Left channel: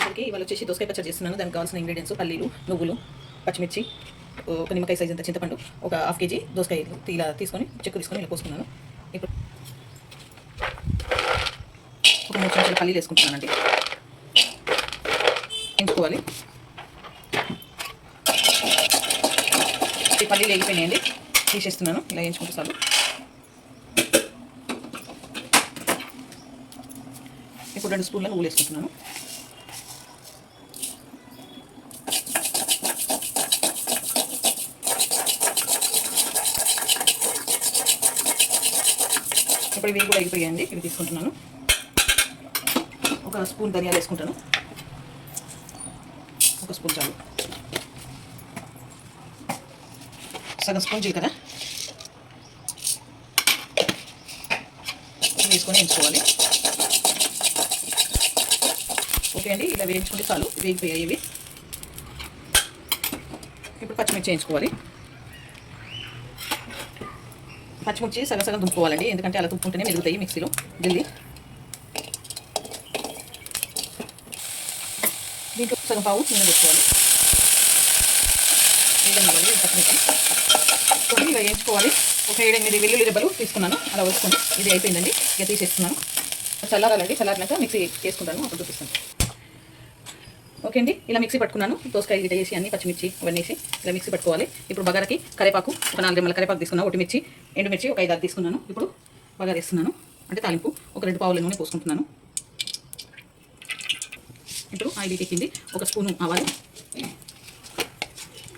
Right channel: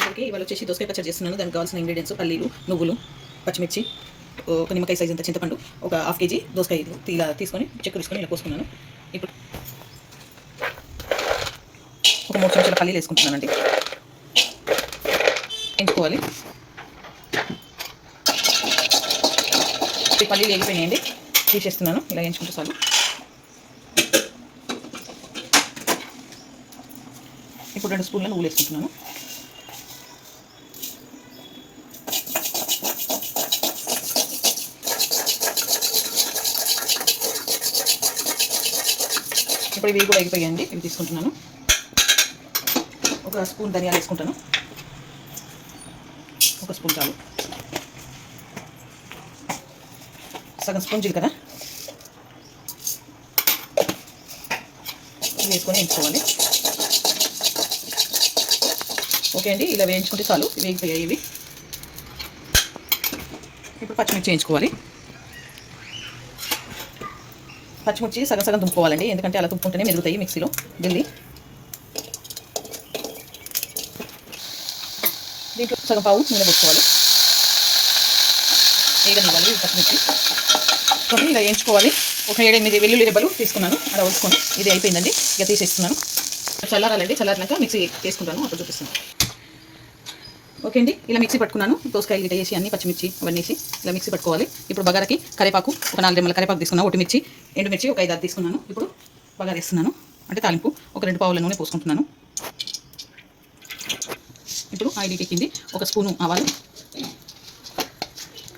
అందరికీ ఇవాళ వచ్చేసి దోసకాయ పచ్చడి చేస్తున్నాను. దానికి కావాల్సిన ఇంగ్రీడియంట్స్ పల్లీలు, నువ్వులు, పచ్చిమిర్చి, ఒక నిమ్మకాయ సైజ్ అంత చింతపండు, ఒక హాఫ్ కేజీ దోసకాయలు ఇలా తీసుకొని చెక్కు తీసుకొని ఇలా పోసుకున్నాను. ఇప్పుడు ఒక 3 చెంచాల పల్లీలు వేసుకుంటున్నానండి. ఎంచుకోవాలి. ఈ పల్లీలు వేగిపోయినాయండి, తీసేస్తున్నాను. ఇలా ఎంచుకుంటూ చాలు. ఇప్పుడు 2 స్పూన్ల నువ్వులు వేసుకుంటున్నాను. ఇప్పుడు ఇవి కూడా అయిపోయాయండి, ఇవి తీసుకుంటున్నాను. ఒక స్పూన్ ధనియాలు వేసుకుంటాను. ఒక స్పూన్ చాలు. సగం స్పూన్ జీలకర్ర వేసుకొని ఎంచుకోవాలి. ఓకే అండి, ఇలా వేయించుకుంటే చాలు. వేగిపోయాయి ఇవి. ఇప్పుడు పచ్చిమిర్చి వేయించుకోవాలి. పచ్చిమిర్చి సగం దుంపుకోవాలండి, ఎందుకంటే అలా దుంపుకుంటేనే మెరుగుతాయి మిక్సీలో ఢిల్లీ. దీంట్లో సగం పావు నూనె వేసుకోవాలి. వేయనివ్వాలి పచ్చిమిర్చి. కొన్ని ఇలా వేయించుకోవాలి. ఒక 7-8 వెల్లుల్లి రెబ్బలు తీసుకున్నాను, అలా వేసుకొని. ఇది అయిపోయిందండి, ఇక తీసేస్తున్నాను. చల్లారాలండి, చల్లారినాక మిక్సీ వేసుకుంటాను, అప్పుడు చూపిస్తాను. ఓకే అండి, ఇలా మిక్సీ పట్టుకున్నాను. దోసకాయలు గిట్ట వేసి అన్ని పచ్చిమిర్చి అవన్నీ వేసి ఇలా మిక్సీ పట్టుకోవాలి. ఇప్పుడు బగారకి కరేపాకు ఒక 4 రెమ్మల కరేపాకు తీసుకున్నాను. ఒటిమిర్చి, ఎండుమిర్చి ఒక 5-6 తీసుకున్నాను. ఇప్పుడు బగార వేస్తున్నాను, అంటే తాలింపు. ఒక 2 పావుల నూనె పోసుకుంటున్నాను. ఇప్పుడు ఆయిల్ ఎక్కింది. ఒక స్పూను ఆవాలు,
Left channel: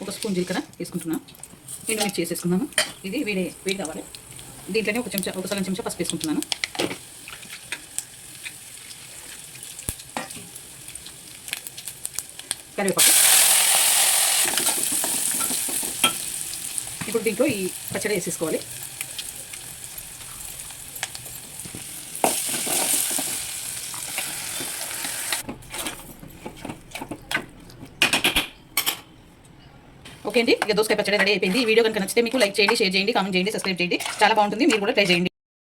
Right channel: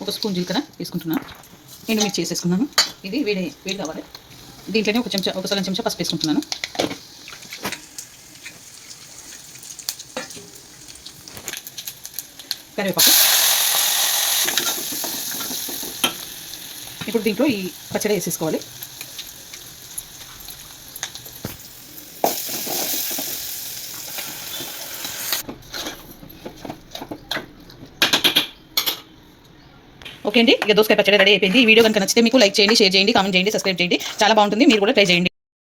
ఒక స్పూన్ జీలకర్ర వేసుకుంటున్నాను. ఎండుమిర్చి వేసేసుకున్నాను. ఇది వేడి కావాలి. దీంట్లోనే ఒక సగం చెంచా పసుపు వేసుకుంటున్నాను. కరివేపాకు. ఇప్పుడు దీంట్లో ఈ పచ్చడి వేసేసుకోవాలి. ఓకే అండి, ఇక దోసకాయ పచ్చడి రెడీ అయిపోయింది. ఈ వీడియో కనుక నచ్చితే మీకు లైక్ చేయండి, షేర్ చేయండి, కామెంట్ చేయండి, సబ్స్క్రైబ్ చేయండి. చాలా బాగుంటుంది, మీరు కూడా ట్రై చేయండి.